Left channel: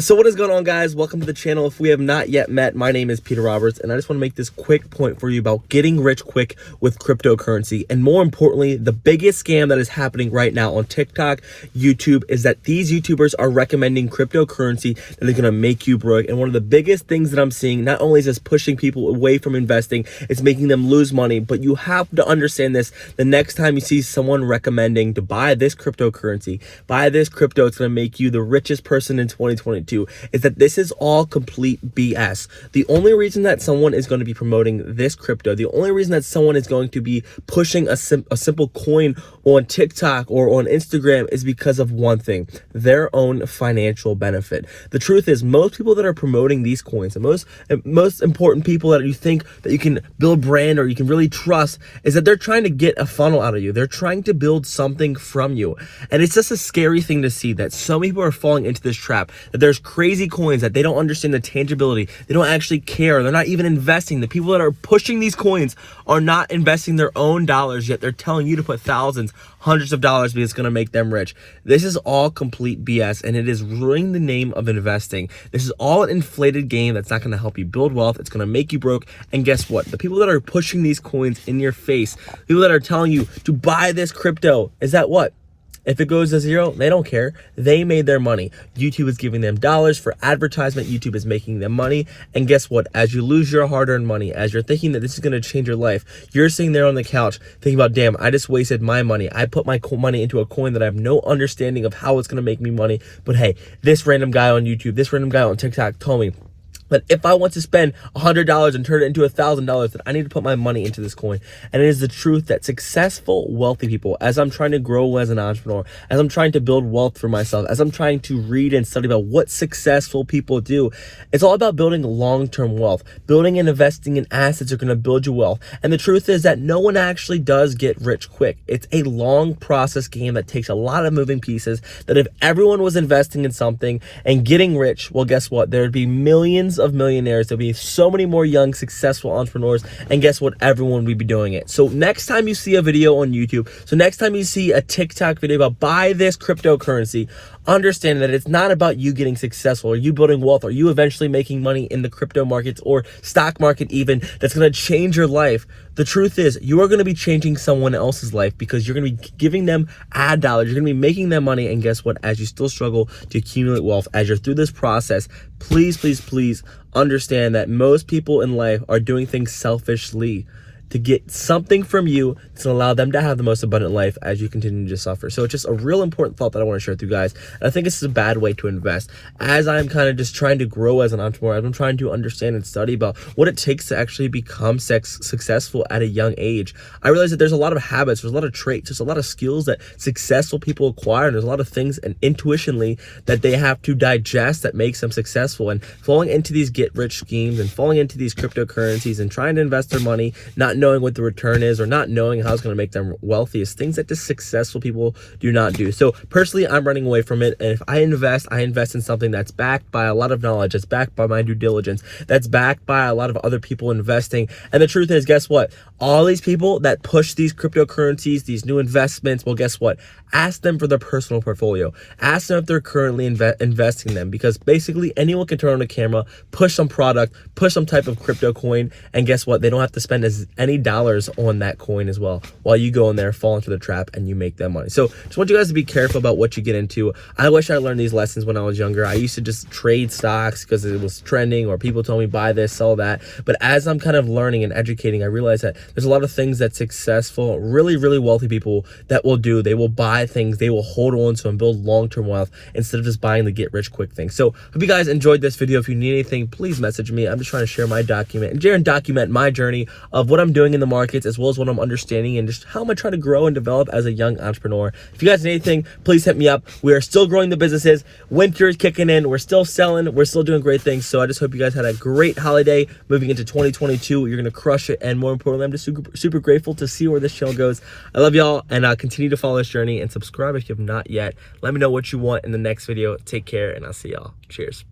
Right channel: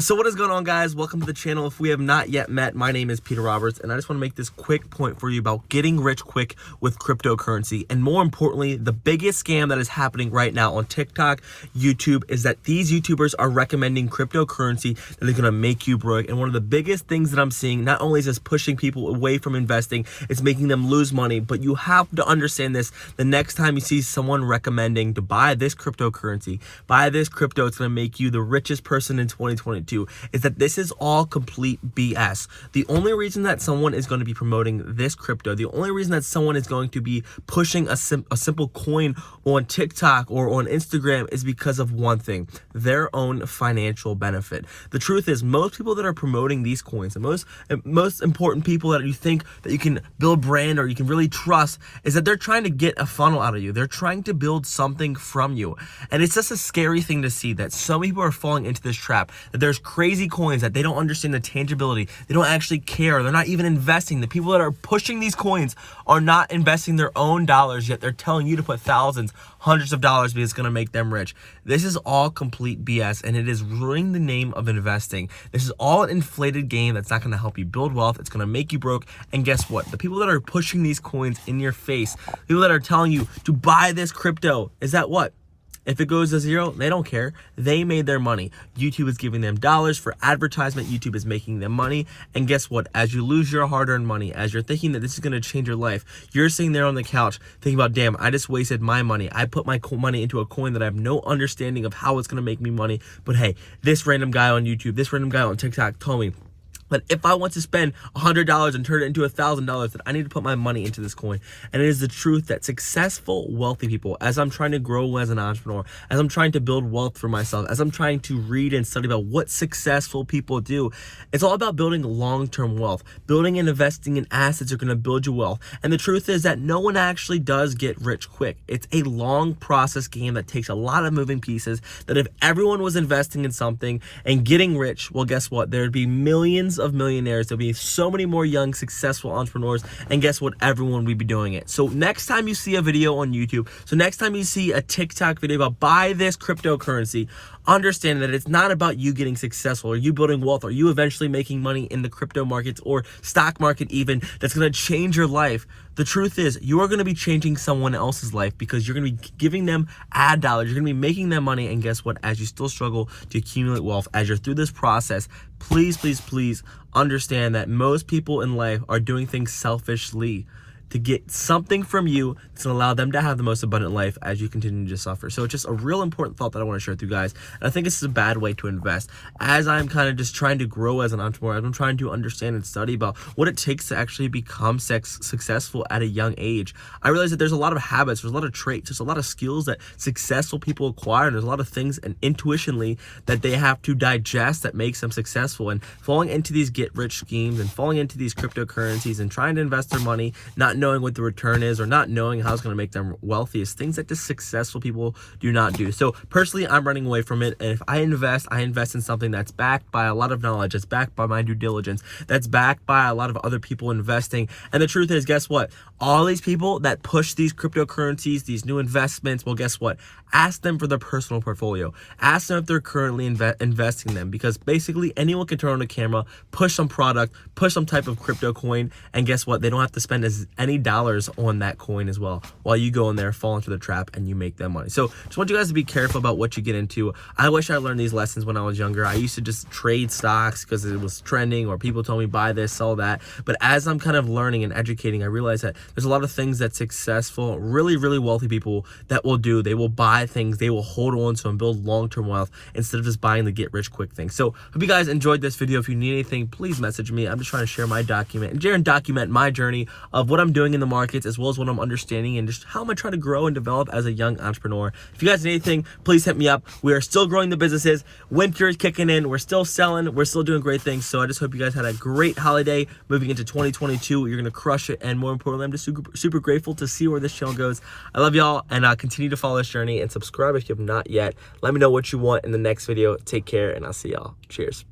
So what is going on, guys? Welcome to the channel. If we have not yet met, my name is Peter Roberts, and I just want to make this quick point for you about getting rich quick with cryptocurrency. And more importantly, the biggest scam that is happening right now on TikTok, YouTube, is that these YouTubers are recommending cryptocurrency that is going to make you broke. And one of the biggest things that I'm seeing, not only is this pushing people away from investing, it's making them lose money, but you have to understand this. The next time you see someone recommending to buy this cryptocurrency, buy this crypto, it's going to make you the richest person in 2022. Is that this is all complete BS. The only reason that someone is going to be promoting this crypto, the only reason that someone is going to be pushing a simple coin on TikTok or on Instagram is because of one thing: their own financial benefit. The truth is, most people that are promoting these coins, the most important people that you think that you can build brand or you can really trust, is that they're trying to get a funnel out of you. They're trying to build something from you. And it's just a scary thing to see that so many people are falling into this trap, that there's crazy coins that they don't understand the tangibility. They don't actually care. They're not even investing. The people that are pushing these coins are not investing their own dollars, yet they're telling you to put thousands, hundreds of dollars because it's going to make them rich. This is all complete BS, and it is ruining the name of investing. This is all an inflated game that's not going to help you build wealth. It's going to make you broke. And guess what? The people that are pushing these coins in your face, people that are telling you to buy this crypto, is that what? If it goes to zero, they don't care. They made their money. YouTube is giving them dollars for advertisement. YouTube is making them money. And guess what? As you lose your hard-earned money, as you're thinking that this is going to change your life, you're sitting there on the couch thinking about, damn, I just wasted my money. I put my money into a coin that I have no understanding of how it's going to make me money. But hey, this random guy on YouTube, this random guy on TikTok told me that if I want to spend $100 and turn it into $1,000, then I need to put my money into this coin. And it is the truth that successful, wealthy people, as I'm trying to grow as an entrepreneur, as I'm trying to build wealth for myself, as I'm trying to read and study about what successful people do, it's all about building long-term wealth. Building and investing in assets are going to build you wealth. And the truth is that no one actually does get rich quick. It's a long process game that takes a lot of moving pieces, that if everyone was investing in something and getting rich, well, guess what? There'd be millions of millionaires. There'll be so many more young, successful entrepreneurs. And guess what? Everyone will be doing it. So next time you see a video on YouTube, so next time you see a TikTok video about buy this cryptocurrency, understand that it's not about you getting successful or you building wealth or you eventually making money in the crypto markets or stock market even that's going to change your life. The truth is, you are going to be changing someone else's life because you're going to be giving them ad dollars. You're going to be making them money. And guess what? As you still struggle to accumulate wealth, as you're through this process, please, please, please understand that most people in life are doing things selfishly to get something from you that's going to allow them to have the most abundant life as you continue to suffer. So it's just a real important thought that I want to share with you guys. And I think this is a bad way to invest. As I'm kind of just trying to grow as an entrepreneur, as I'm trying to understand and study about what it takes to actually become successful at a young age, I realize that there's a lot of habits, there's a lot of traits, there's a lot of skills that successful people acquire, and there's a lot of things and intuitionally that they have to digest that makes them successful. And falling into these get-rich schemes and falling into these cryptocurrencies and trying to invest their money, not knowing what the return is or not knowing how it's going to make them wealthy, is things that just successful people do not do. So personally, I'm running away from it. And if I invest in something that's backed by a lot of knowledge, that's backed by my due diligence, that's backed by a lot of other people investing. And the truth is, guess what? All these people that push these cryptocurrencies, these new investments, well, guess what? Ask them for their personal portfolio. Ask them if they're currently investing in them, because basically anyone can turn on the camera, push some product, push some type of crypto coin, and guess what? They don't have to spend any dollars on that coin as well, while you go in there, fall into the trap, and you make that money. So just want you guys to be careful about what you get into. I wish I learned these lessons when I was younger. I used to just trade stocks because it was trending, or people told me buy this, sell that. But as I'm kind of learning and educating, I realize that there's a lot of things that successful, really, really wealthy people that will do. They will buy things, they will hold on to and build long-term wealth instead of just buying the get-rich-quick thing. So hope you guys enjoyed this video. If you need anything, please message me. I'm just trying to share my document and document my journey of what I'm doing in the markets, as well as what I'm understanding and just how I'm trying to grow and develop as a young entrepreneur. If you guys need anything, please hit me up. We are still growing the businesses. Winter is kicking in. We're still selling. We're still doing great things. So I just hope you guys had a great holiday moving into 2022. You're going to crush it. And more importantly, I'm just super grateful to see where this channel goes. I love y'all, and continue to follow this journey and subscribe if you have not yet. Let me know what you want in the next video. Take care, and I'll see y'all. Cheers.